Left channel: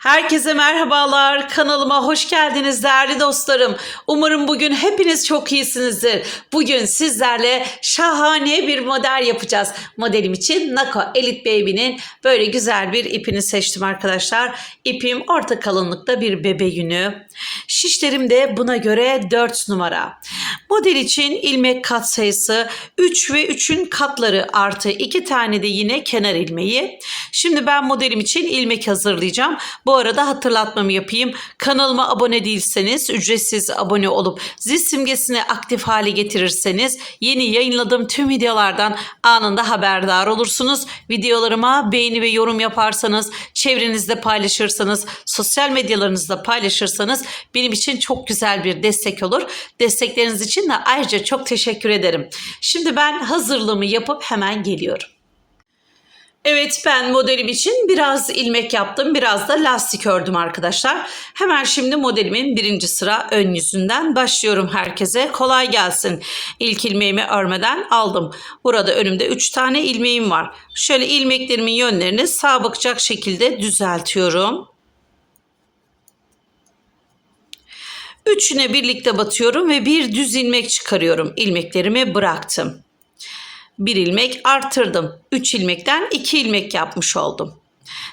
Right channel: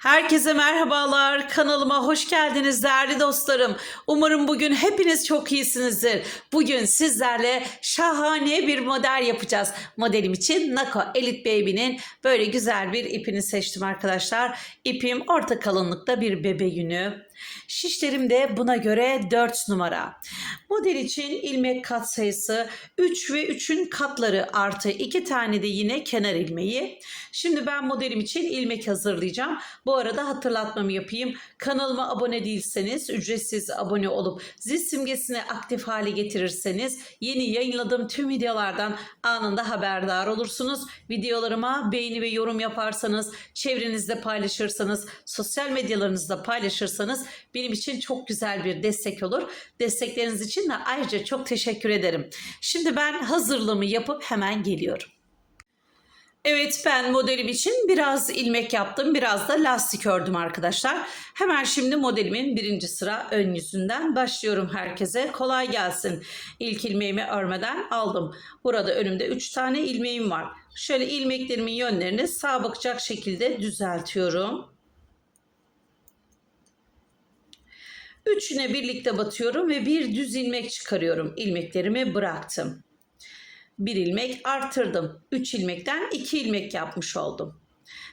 Herkese merhabalar. Kanalıma hoş geldiniz değerli dostlarım. Umarım bugün hepiniz çok iyisinizdir. Bugün sizlerle şahane bir model yapacağız. Modelim için Nako Elite Baby'nin böyle güzel bir ipini seçtim arkadaşlar. İpim orta kalınlıkta bir bebe yünü. Şişlerim de buna göre 4 numara. Model için ilmek kat sayısı 3 ve 3'ün katları artı 2 tane de yine kenar ilmeği. Şimdi ben modelim için ilmek hazırlayacağım. Bu arada hatırlatmamı yapayım. Kanalıma abone değilseniz ücretsiz abone olup zil simgesini aktif hale getirirseniz yeni yayınladığım tüm videolardan anında haberdar olursunuz. Videolarıma beğeni ve yorum yaparsanız, çevrenizde paylaşırsanız, sosyal medyalarınızda paylaşırsanız benim için çok güzel bir destek olur. Destekleriniz için de ayrıca çok teşekkür ederim. Şimdi ben hazırlığımı yapıp hemen geliyorum. Evet ben modelim için biraz ilmek yaptım. Biraz da lastik ördüm arkadaşlar. Hemen şimdi modelimin birinci sıra ön yüzünden başlıyorum herkese. Kolay gelsin. İlk ilmeğimi örmeden aldım. Burada önümde 3 tane ilmeğim var. Şöyle ilmeklerimin yönlerini sağ bakacak şekilde düzeltiyorum. Üçüne birlikte batıyorum ve bir düz ilmek çıkarıyorum. İlmeklerimi bıraktım. Bir ilmek artırdım. 3 ilmekten 2 ilmek yapmış oldum.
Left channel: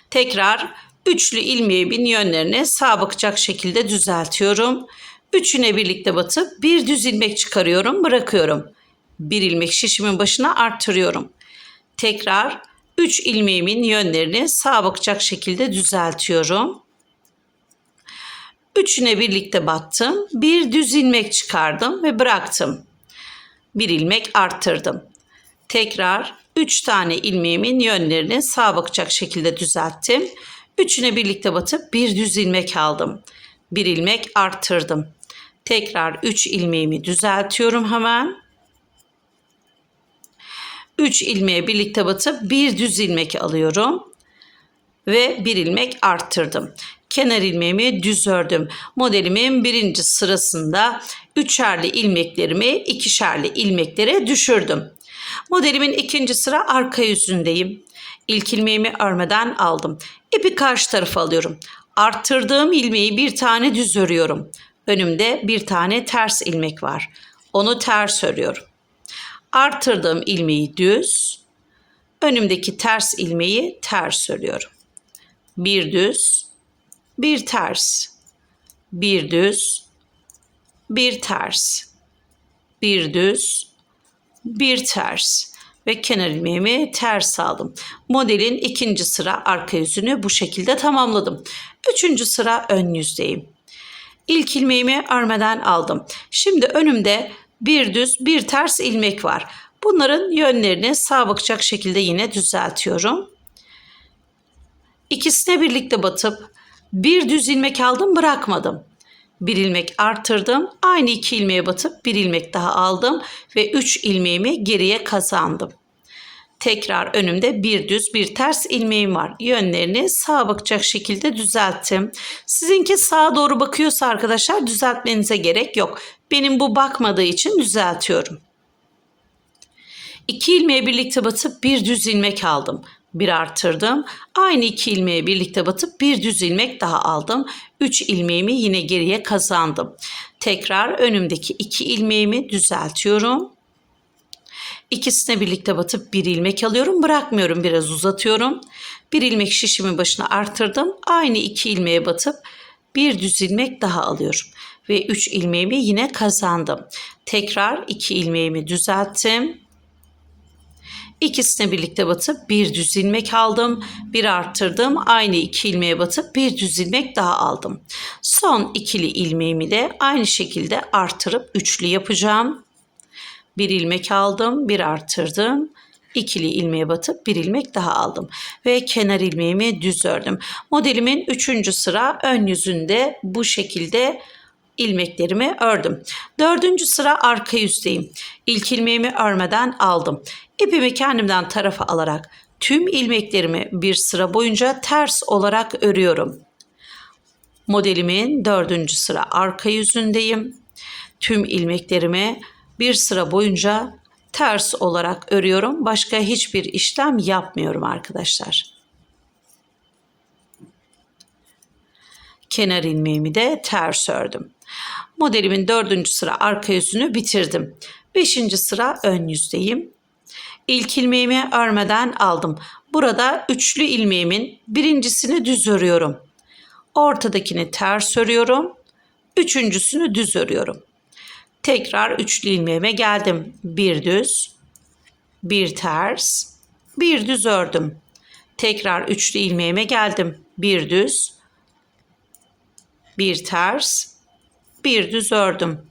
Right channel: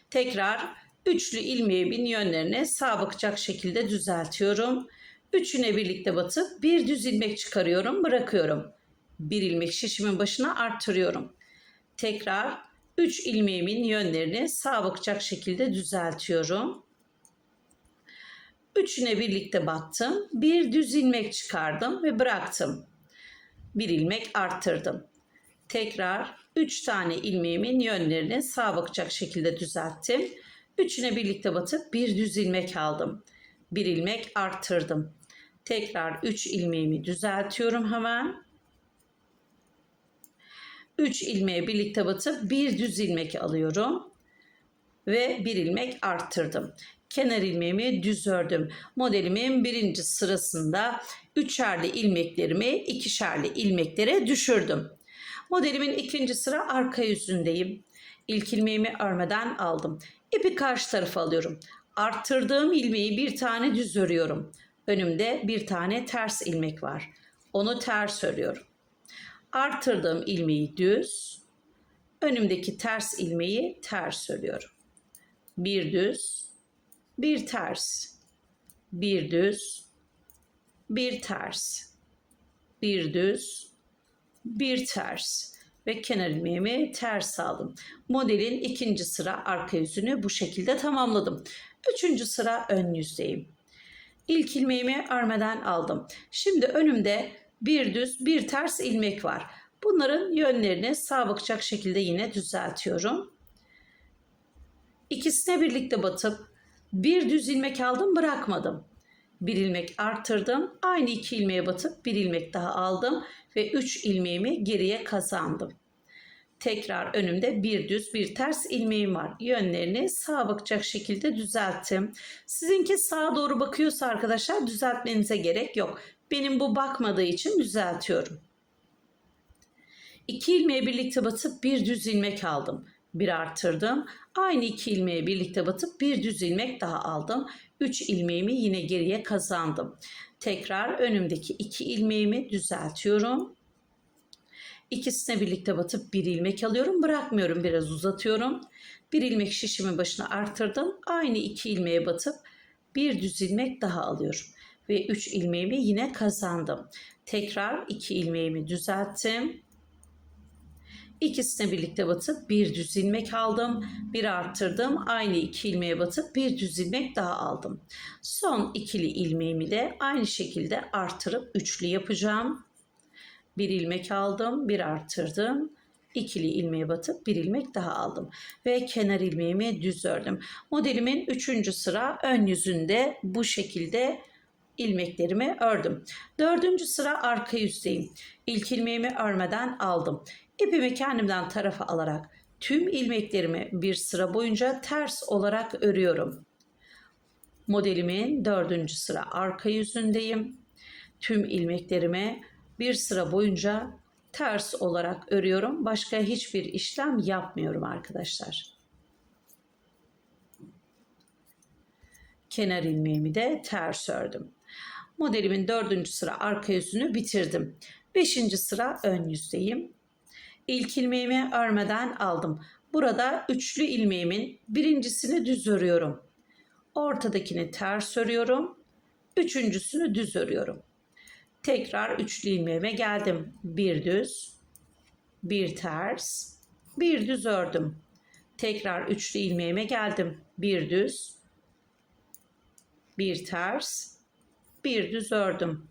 Tekrar üçlü ilmeğimin yönlerini sağ bakacak şekilde düzeltiyorum. Üçüne birlikte batıp bir düz ilmek çıkarıyorum, bırakıyorum. Bir ilmek şişimin başına arttırıyorum. Tekrar 3 ilmeğimin yönlerini sağ bakacak şekilde düzeltiyorum. Üçüne birlikte battım. Bir düz ilmek çıkardım ve bıraktım. Bir ilmek arttırdım. Tekrar 3 tane ilmeğimin yönlerini sağa bakacak şekilde düzelttim. Üçüne birlikte batıp bir düz ilmek aldım. Bir ilmek arttırdım. Tekrar 3 ilmeğimi düzeltiyorum hemen. 3 ilmeğe birlikte batıp bir düz ilmek alıyorum ve bir ilmek arttırdım. Kenar ilmeğimi düz ördüm. Modelimin birinci sırasında üçerli ilmeklerimi ikişerli ilmeklere düşürdüm. Modelimin ikinci sıra arka yüzündeyim. İlk ilmeğimi örmeden aldım. İpi karşı tarafa alıyorum. Arttırdığım ilmeği bir tane düz örüyorum. Önümde bir tane ters ilmek var. Onu ters örüyorum. Arttırdığım ilmeği düz, önümdeki ters ilmeği ters örüyorum. Bir düz, bir ters, bir düz, bir ters, bir düz, bir ters ve kenar ilmeğimi ters aldım. Modelin ikinci sıra arka yüzünü bu şekilde tamamladım. Üçüncü sıra ön yüzdeyim. İlk ilmeğimi örmeden aldım. Şimdi önümde bir düz bir ters ilmek var. Bunların yönlerini sağ bakacak şekilde yine düzeltiyorum. İkisine birlikte batıp bir düz ilmek aldım bırakmadım. Bir ilmek arttırdım. Aynı iki ilmeğe batıp bir ilmek daha aldım ve üç ilmeğimi geriye kazandım. Tekrar önümde bir düz bir ters ilmeğim var. Yönlerini sağa bakacak şekilde düzelttim. Sizinki sağa doğru bakıyorsa arkadaşlar düzeltmenize gerek yok. Benim bu bakmadığı için düzeltiyorum. İki ilmeğe birlikte batıp bir düz ilmek aldım bir arttırdım. Aynı iki ilmeğe birlikte batıp bir düz ilmek daha aldım. Üç ilmeğimi yine geriye kazandım. Tekrar önümdeki iki ilmeğimi düzeltiyorum. İkisine birlikte batıp bir ilmek alıyorum. Bırakmıyorum biraz uzatıyorum. Bir ilmek şişimin başına arttırdım. Aynı iki ilmeğe batıp bir düz ilmek daha alıyorum. Ve üç ilmeğimi yine kazandım. Tekrar iki ilmeğimi düzelttim. İkisine birlikte batıp bir düz ilmek aldım. Bir arttırdım. Aynı iki ilmeğe batıp bir düz ilmek daha aldım. Son ikili ilmeğimi de aynı şekilde artırıp üçlü yapacağım. Bir ilmek aldım. Bir arttırdım. İkili ilmeğe batıp bir ilmek daha aldım. Ve kenar ilmeğimi düz ördüm. Modelimin üçüncü sıra ön yüzünde bu şekilde ilmeklerimi ördüm. Dördüncü sıra arka yüzdeyim. İlk ilmeğimi örmeden aldım. İpimi kendimden tarafa alarak tüm ilmeklerimi bir sıra boyunca ters olarak örüyorum. Modelimin dördüncü sıra arka yüzündeyim. Tüm ilmeklerimi bir sıra boyunca ters olarak örüyorum. Başka hiçbir işlem yapmıyorum arkadaşlar. Kenar ilmeğimi de ters ördüm. Modelimin dördüncü sıra arka yüzünü bitirdim. Beşinci sıra ön yüzdeyim. İlk ilmeğimi örmeden aldım. Burada üçlü ilmeğimin birincisini düz örüyorum. Ortadakini ters örüyorum. Üçüncüsünü düz örüyorum. Tekrar üçlü ilmeğime geldim. Bir düz, bir ters, bir düz ördüm. Tekrar üçlü ilmeğime geldim. Bir düz, bir ters, bir düz ördüm.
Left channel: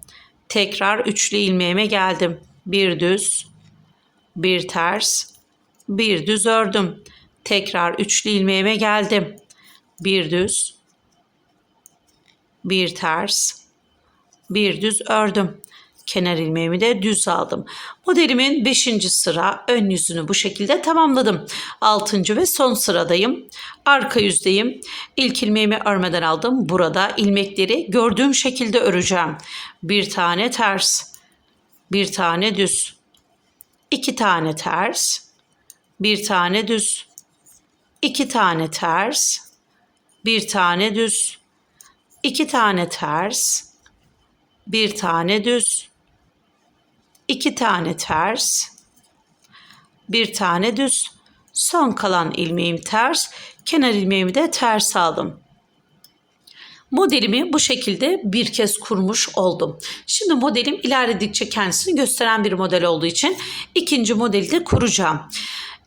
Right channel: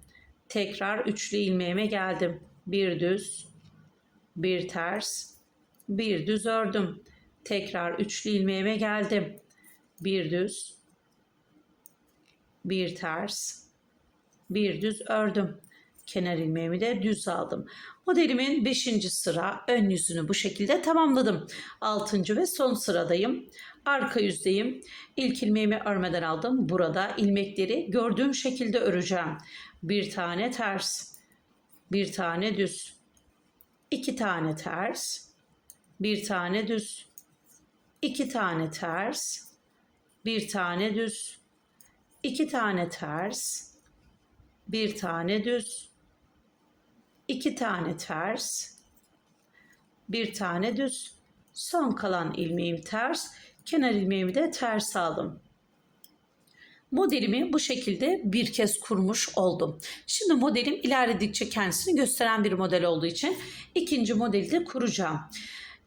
Tekrar üçlü ilmeğime geldim. Bir düz, bir ters, bir düz ördüm. Tekrar üçlü ilmeğime geldim. Bir düz, bir ters, bir düz ördüm. Kenar ilmeğimi de düz aldım. Modelimin 5. sıra ön yüzünü bu şekilde tamamladım. 6. ve son sıradayım. Arka yüzdeyim. İlk ilmeğimi örmeden aldım. Burada ilmekleri gördüğüm şekilde öreceğim. Bir tane ters, bir tane düz, iki tane ters, bir tane düz, iki tane ters, bir tane düz, iki tane ters, bir tane düz, iki tane ters, bir tane düz. Son kalan ilmeğim ters, kenar ilmeğimi de ters aldım. Modelimi bu şekilde bir kez kurmuş oldum. Şimdi modelim ilerledikçe kendisini gösteren bir model olduğu için ikinci modeli de kuracağım.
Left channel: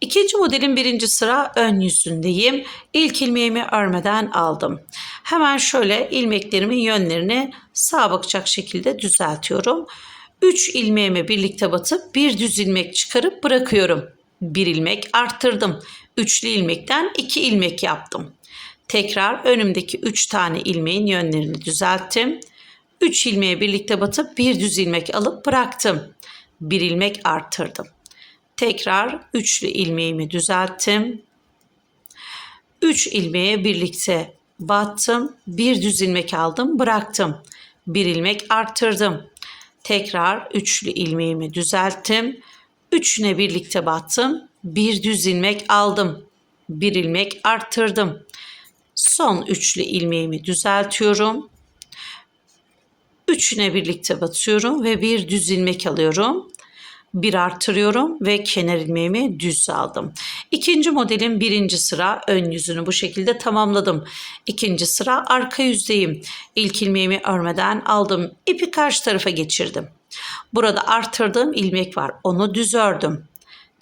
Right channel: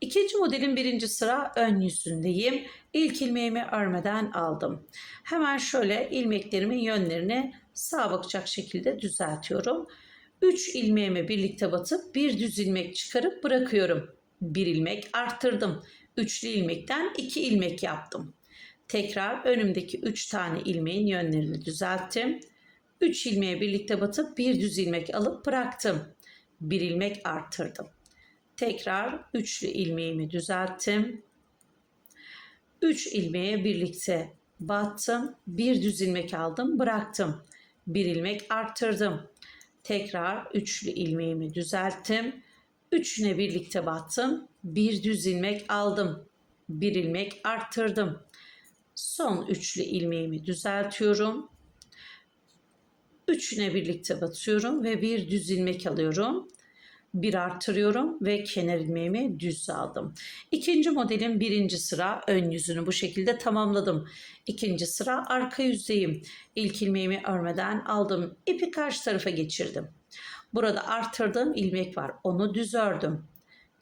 İkinci modelin birinci sıra ön yüzündeyim. İlk ilmeğimi örmeden aldım. Hemen şöyle ilmeklerimin yönlerini sağa bakacak şekilde düzeltiyorum. 3 ilmeğimi birlikte batıp bir düz ilmek çıkarıp bırakıyorum. Bir ilmek arttırdım. Üçlü ilmekten 2 ilmek yaptım. Tekrar önümdeki 3 tane ilmeğin yönlerini düzelttim. 3 ilmeğe birlikte batıp bir düz ilmek alıp bıraktım. Bir ilmek arttırdım. Tekrar üçlü ilmeğimi düzelttim. 3 ilmeğe birlikte battım. Bir düz ilmek aldım, bıraktım. Bir ilmek arttırdım. Tekrar üçlü ilmeğimi düzelttim. Üçüne birlikte battım. Bir düz ilmek aldım. Bir ilmek arttırdım. Son üçlü ilmeğimi düzeltiyorum. Üçüne birlikte batıyorum ve bir düz ilmek alıyorum. Bir artırıyorum ve kenar ilmeğimi düz aldım. İkinci modelin birinci sıra ön yüzünü bu şekilde tamamladım. İkinci sıra arka yüzdeyim. İlk ilmeğimi örmeden aldım. İpi karşı tarafa geçirdim. Burada artırdığım ilmek var. Onu düz ördüm.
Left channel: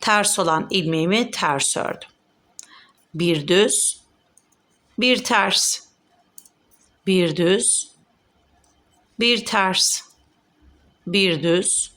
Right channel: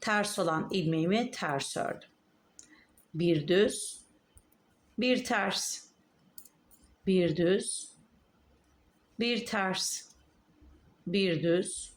Ters olan ilmeğimi ters ördüm. Bir düz, bir ters, bir düz, bir ters, bir düz,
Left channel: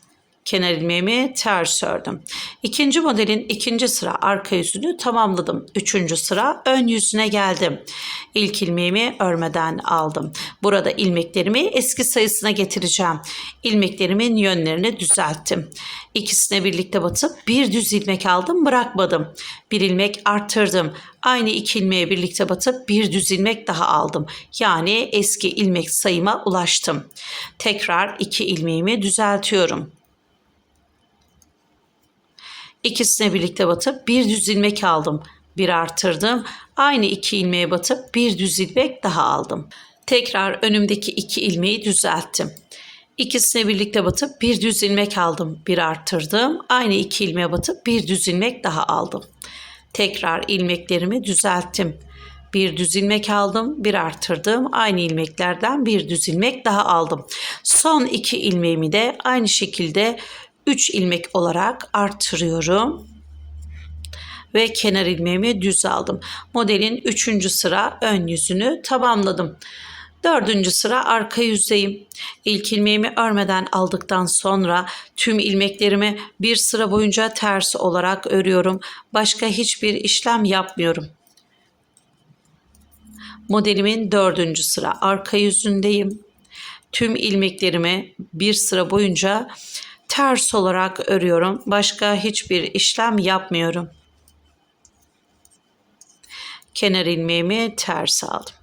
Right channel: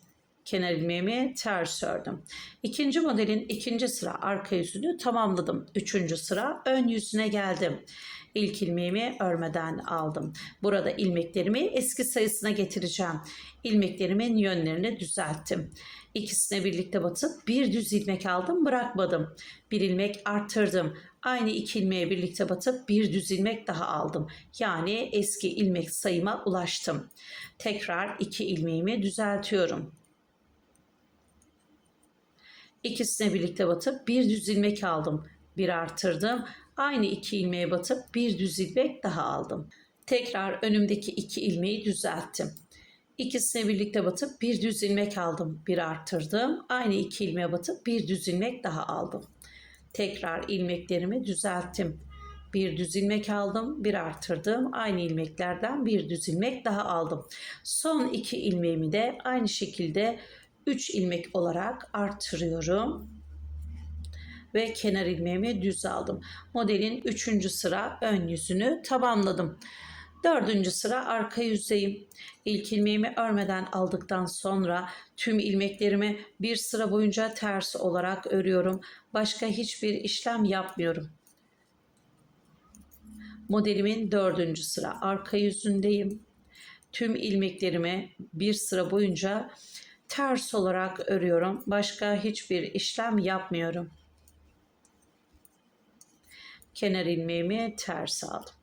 Kenar ilmeğimi ters ördüm. İkinci modelin ikinci sıra arka yüzünü tamamladım. Üçüncü sıra ön yüzüne geldim. İlk ilmeğimi örmeden aldım. Burada ilmeklerimi eski sayısına getireceğim. İlmeklerimin yönlerini düzelttim. İkisine birlikte batıp bir düz ilmek aldım bırakmadım. Bir ilmek arttırdım. Aynı iki ilmeğe birlikte batıp bir düz ilmek daha aldım. Yani eski ilmek sayıma ulaştım. Tekrar iki ilmeğimi düzeltiyorum. İkisine birlikte batıp bir düz ilmek aldım. Bir artırdım. Aynı iki ilmeğe batıp bir düz ilmek daha aldım. Tekrar önümdeki iki ilmeği düzelttim. İkisine birlikte batıp bir düz ilmek aldım. Bir arttırdım. Aynı iki ilmeğe batıp bir düz ilmek daha aldım. Tekrar ilmeklerimi düzelttim. Bir düz ilmek aldım, bir artırdım. Aynı ilmeklerden bir düz ilmek daha aldım. Son iki ilmeğimi de aynı şekilde 3 ilmek olarak artırıyorum ve kenar ilmeğimi düz aldım. Modelin 3. sıra ön yüzünü tamamladım. Dördüncü sıra arka yüzdeyim. İlk ilmeğimi örmeden aldıktan sonra tüm ilmeklerimi bir sıra boyunca ters olarak örüyorum. Başka hiçbir işlem yapmıyorum. Modelimin dördüncü sıra arka yüzündeyim. Tüm ilmeklerimi bir sıra boyunca ters olarak örüyorum. Başka hiçbir işlem yapmıyorum. Kenar ilmeğimi ters aldım.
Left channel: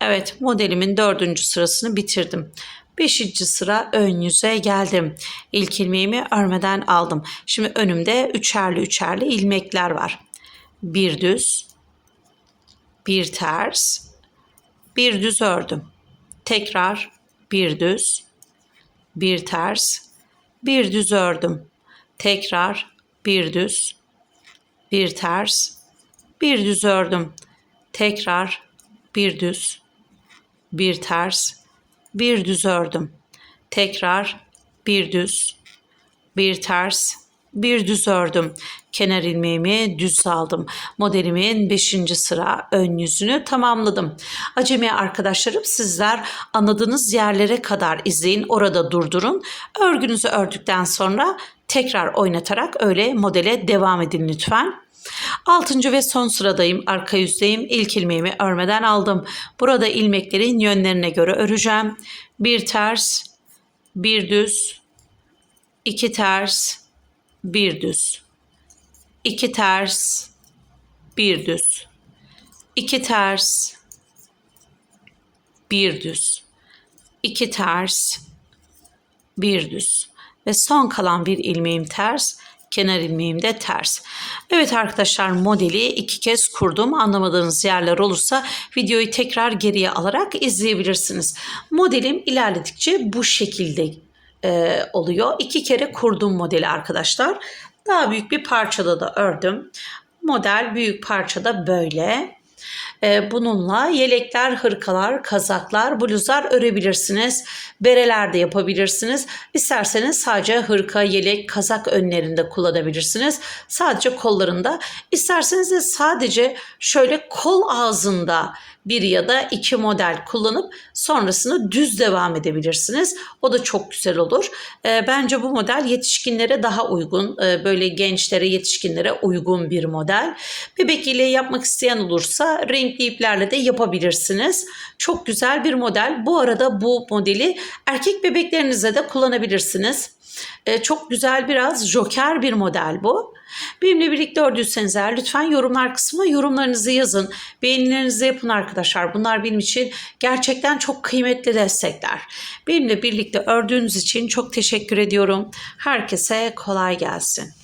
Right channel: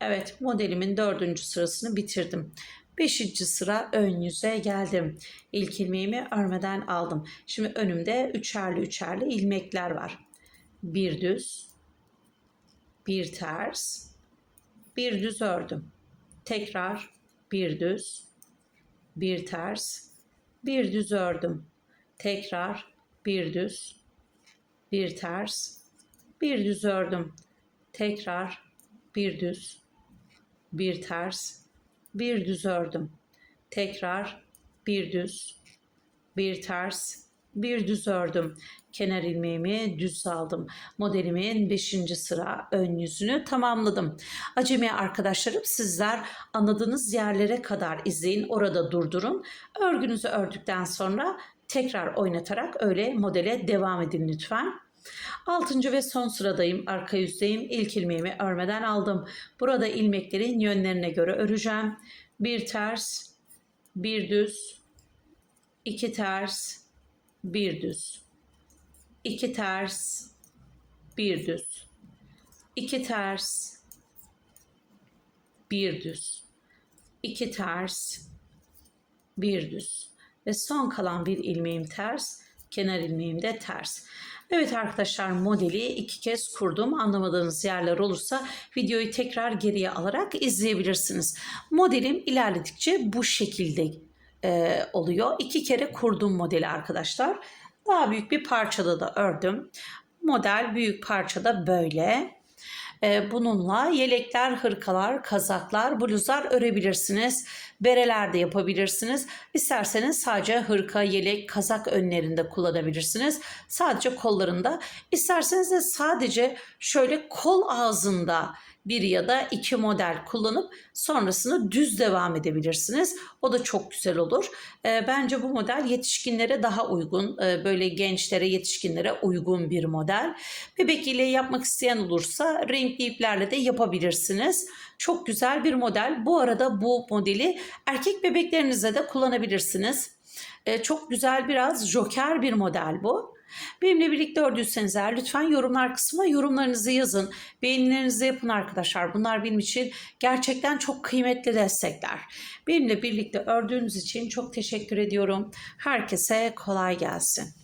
Evet modelimin dördüncü sırasını bitirdim. Beşinci sıra ön yüze geldim. İlk ilmeğimi örmeden aldım. Şimdi önümde üçerli üçerli ilmekler var. Bir düz, bir ters, bir düz ördüm. Tekrar bir düz, bir ters, bir düz ördüm. Tekrar bir düz, bir ters, bir düz ördüm. Tekrar bir düz, bir ters, bir düz ördüm. Tekrar bir düz, bir ters, bir düz ördüm. Kenar ilmeğimi düz aldım. Modelimin 5. sıra ön yüzünü tamamladım. Acemi arkadaşlarım sizler anladığınız yerlere kadar izleyin. Orada durdurun. Örgünüzü ördükten sonra tekrar oynatarak öyle modele devam edin lütfen. Altıncı ve son sıradayım. Arka yüzdeyim. İlk ilmeğimi örmeden aldım. Burada ilmeklerin yönlerine göre öreceğim. Bir ters, bir düz, iki ters, bir düz. iki ters, bir düz. iki ters, bir düz. iki ters, bir düz. Ve son kalan bir ilmeğim ters, kenar ilmeğim de ters. Evet arkadaşlar modeli iki kez kurdum. Anlamadığınız yerler olursa videoyu tekrar geriye alarak izleyebilirsiniz. Modelim ilerledikçe bu şekilde e, oluyor. İki kere kurdum modeli arkadaşlar. Daha büyük bir parçada da ördüm. Model büyük parçada böyle. E, bununla yelekler, hırkalar, kazaklar, bluzlar örebilirsiniz. Bereler de yapabilirsiniz. İsterseniz sadece hırka, yelek, kazak önlerinde kullanabilirsiniz. Sadece kollarında. İsterseniz de sadece şöyle kol ağzında bir ya da iki model kullanıp sonrasını düz devam edebilirsiniz. O da çok güzel olur. E, bence bu model yetişkinlere daha uygun. E, böyle gençlere, yetişkinlere uygun bir model. Bebek ile yapmak isteyen olursa renkli iplerle de yapabilirsiniz. Çok güzel bir model. Bu arada bu modeli erkek bebeklerinize de kullanabilirsiniz. E, çok güzel biraz joker bir model bu. Benimle birlikte ördüyseniz eğer lütfen yorumlar kısmına yorumlarınızı yazın. Beğenilerinizi yapın arkadaşlar. Bunlar benim için gerçekten çok kıymetli destekler. Benimle birlikte ördüğünüz için çok teşekkür ediyorum. Herkese kolay gelsin.